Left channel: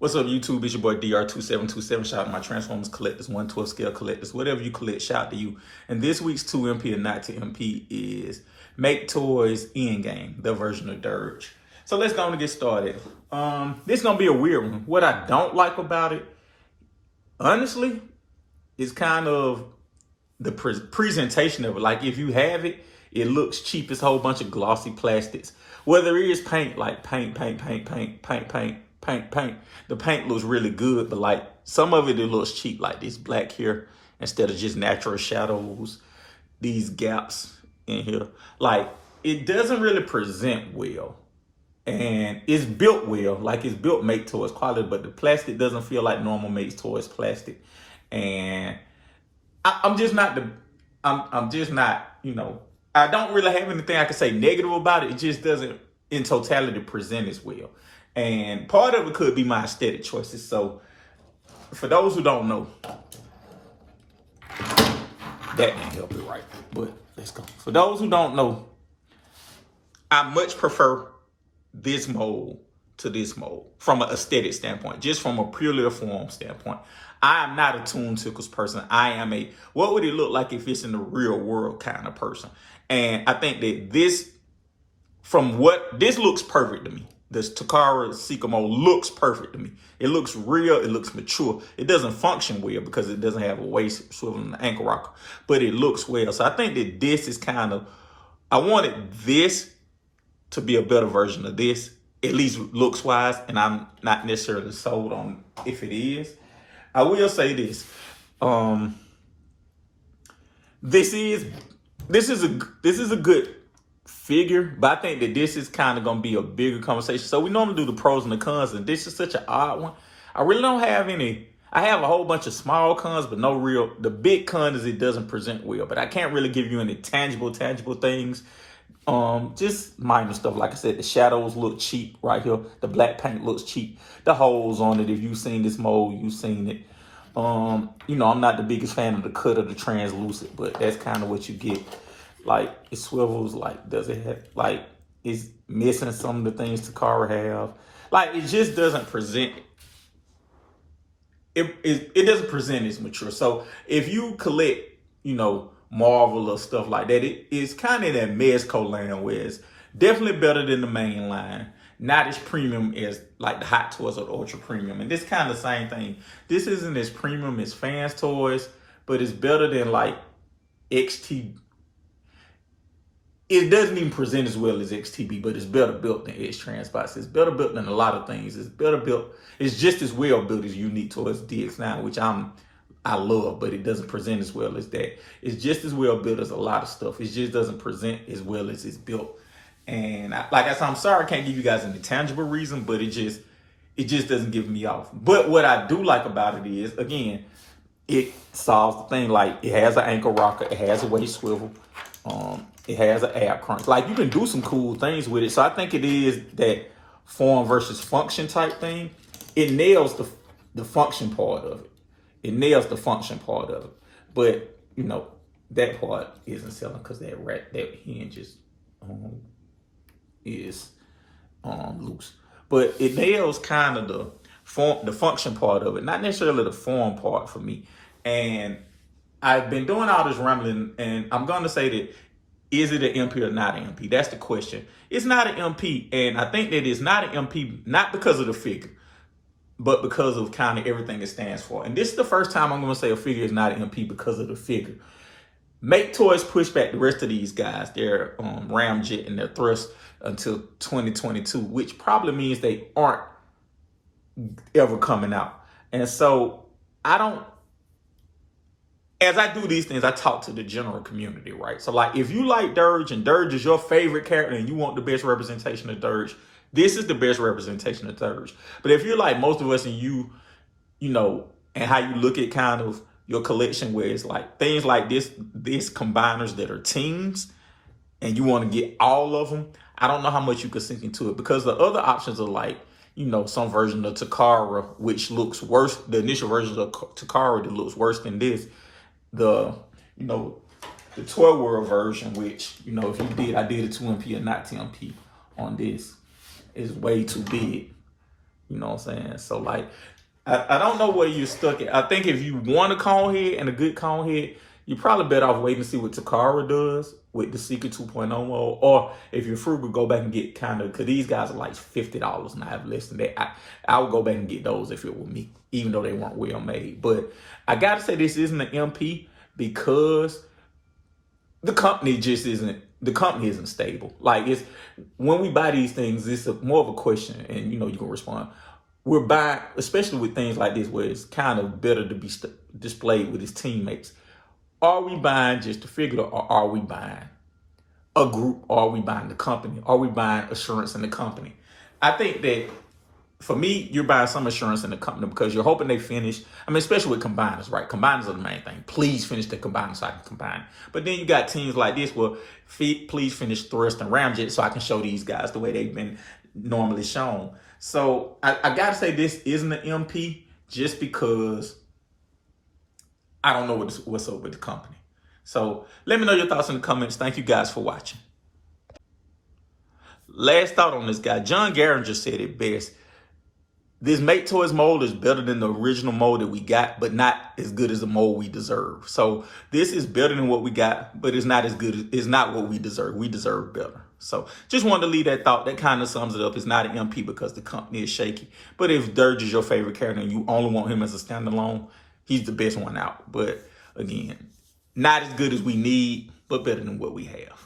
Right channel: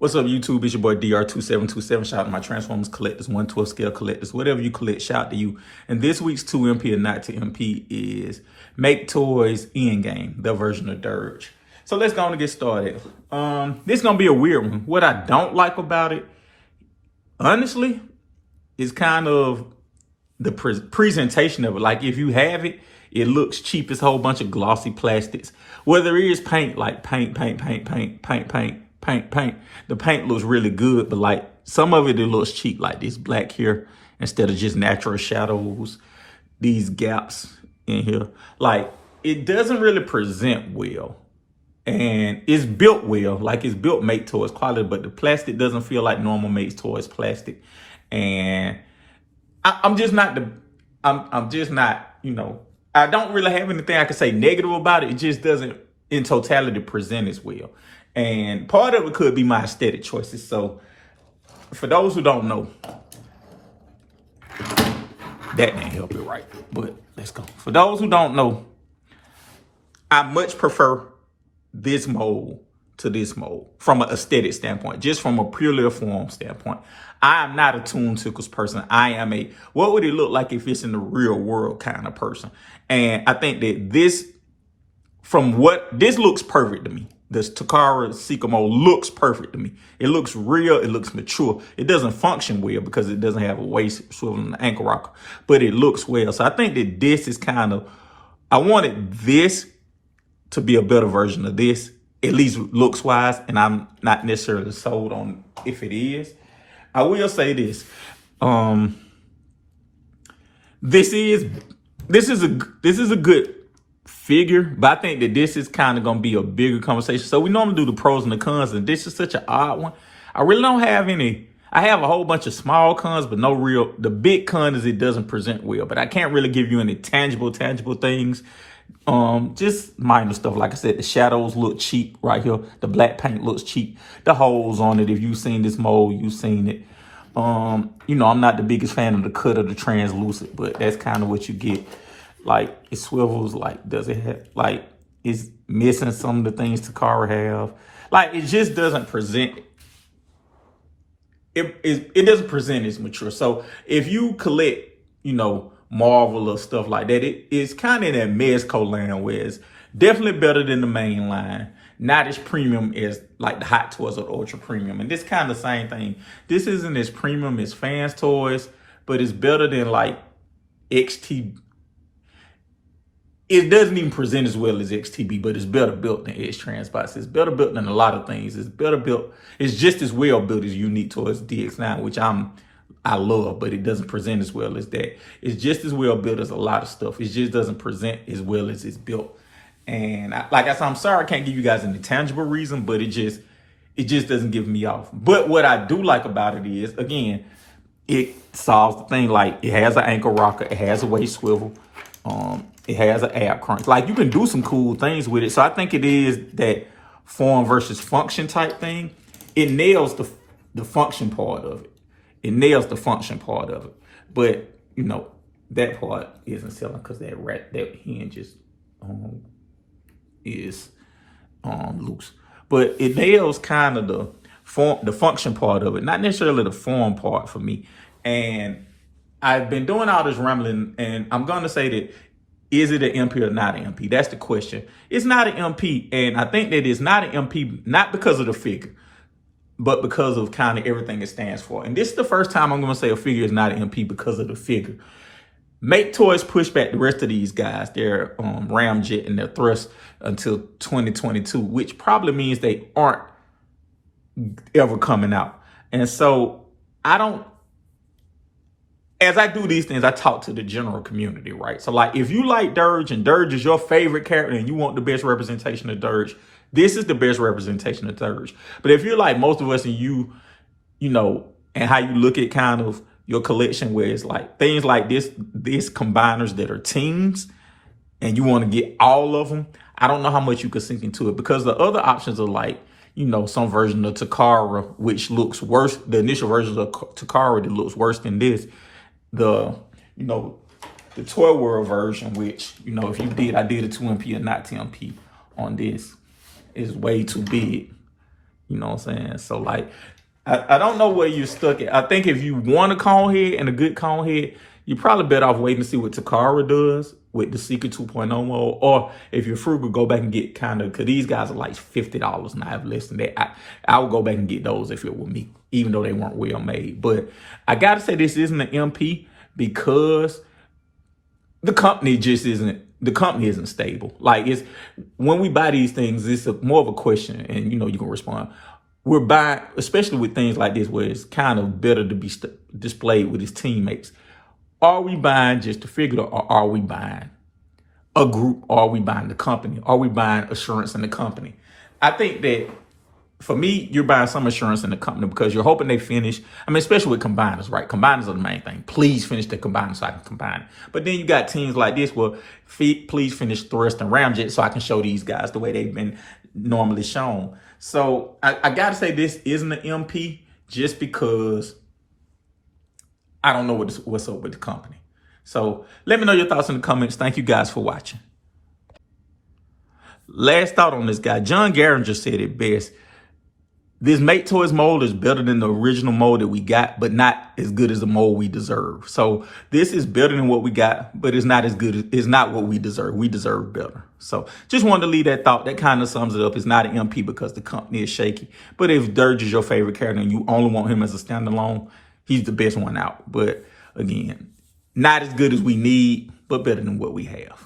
What's up, YouTube? It's your boy DR2727. Shout out to my Transformers collectors, 1/12 scale collectors, whatever you collect, shout out to you. And this week's 2MP or not to MP is Make Toys Endgame, the version of Dirge. So let's go and get started. This is gonna be a weird one. What I don't like about it, honestly, is kind of the presentation of it. Like if you have it, it looks cheap. It's a whole bunch of glossy plastics. Whether it is paint, like paint. The paint looks really good, but like some of it looks cheap, like this black here instead of just natural shadows, these gaps in here. Like it doesn't really present well. And it's built well, like it's built Make Toys quality, but the plastic doesn't feel like normal Make Toys plastic. And I'm just not, you know, I don't really have anything I can say negative about it. It just doesn't in totality present as well. And part of it could be my aesthetic choices. So for those who don't know, that didn't help it right, but let's go. For those who don't know, I much prefer this mold to this mold from an aesthetic standpoint, just from a purely a form standpoint. I am not a Toon Tickles person. I am a, what would it look like if it's in the real world kind of person. And I think that this, this looks perfect to me. This Takara Seeker mold looks perfect to me. It looks real, it looks mature. It doesn't function well because it doesn't have a waist swivel and an ankle rocker, but it looks well. So I think that this is kind of, I wanted this to be a better version of this, at least looks wise, and I'm not necessarily sold on if it is. I will say this. This is a good figure, but I think that this is kind of gonna be a bigger conversation. So we normally do the pros and the cons, and this is such an odd one. I really don't have any. I have a whole bunch of small cons, but no real. The big con is it doesn't present well, but I can't really give you any tangible things. Just minor stuff. Like I said, the shadows look cheap right here. The black paint looks cheap. The holes on it, if you've seen this mold, you've seen it. You know, I'm not the biggest fan of the cut of the translucent, but that's kind of what you get. Like it swivels, like does it have, like it's missing some of the things Takara have. Like it just doesn't present, it doesn't present as mature. So if you collect, you know, Marvel or stuff like that, it's kind of in that Mezco land where it's definitely better than the main line. Not as premium as like the Hot Toys or Ultra Premium. And this kind of same thing. This isn't as premium as Fans Toys, but it's better than like XT. It doesn't even present as well as XTB, but it's better built than x-transbots. It's better built than a lot of things. It's better built. It's just as well built as Unique Toys DX9, which I love, but it doesn't present as well as that. It's just as well built as a lot of stuff. It just doesn't present as well as it's built. And like I said, I'm sorry I can't give you guys any tangible reason, but it just doesn't give me off. But what I do like about it is, again, it solves the thing. Like it has an ankle rocker, it has a waist swivel, it has an ab crunch. Like you can do some cool things with it. So I think it is that form versus function type thing. It nails the function part of it. It nails the function part of it. But you know, that part isn't selling because that hinge is loose. But it nails kind of the function part of it, not necessarily the form part for me. And I've been doing all this rambling, and I'm going to say that, is it an MP or not an MP? That's the question. It's not an MP, and I think that it's not an MP, not because of the figure, but because of kind of everything it stands for. And this is the first time I'm going to say a figure is not an MP because of the figure. Make Toys push back the rest of these guys, their ramjet and their thrust until 2022, which probably means they aren't ever coming out. And so as I do these things, I talk to the general community, right? So like if you like Dirge and Dirge is your favorite character and you want the best representation of Dirge, this is the best representation of Dirge. But if you're like most of us and you know, and how you look at kind of your collection where it's like things like these combiners that are teams and you want to get all of them, I don't know how much you could sink into it because the other options are like, you know, some version of Takara, which looks worse. The initial version of Takara that looks worse than this. The Toy World version, which, you know, if you I did a 2MP or not 10MP on this, is way too big. You know what I'm saying? So like, I don't know where you're stuck at. I think if you want a cone head and a good cone head, you're probably better off waiting to see what Takara does with the Secret 2.0 mode. Or if you're frugal, go back and get kind of, because these guys are like $50 and I have less than that. I would go back and get those if it were me, even though they weren't well made. But I got to say, this isn't an MP because the company just isn't, the company isn't stable. Like, it's, when we buy these things, it's more of a question, and you can respond. We're buying, especially with things like this where it's kind of better to be displayed with his teammates. Are we buying just a figure, or are we buying a group? Or are we buying the company? Are we buying assurance in the company? I think that for me, you're buying some assurance in the company because you're hoping they finish. I mean, especially with combiners, right? Combiners are the main thing. Please finish the combiners so I can combine. But then you got teams like this where, please finish Thrust and Ramjet so I can show these guys the way they've been normally shown. So I gotta say, this isn't an MP just because I don't know what's up with the company. So let me know your thoughts in the comments. Thank you guys for watching. Last thought on this guy. John Garringer said it best. This Make Toys mold is better than the original mold that we got, but not as good as the mold we deserve. So this is better than what we got, but it's not as good. It's not what we deserve. We deserve better. So just wanted to leave that thought. That kind of sums it up. It's not an MP because the company is shaky. But if Dirge is your favorite character and you only want him as a standalone, he's the best one out. But again, not as good as we need, but better than what we have.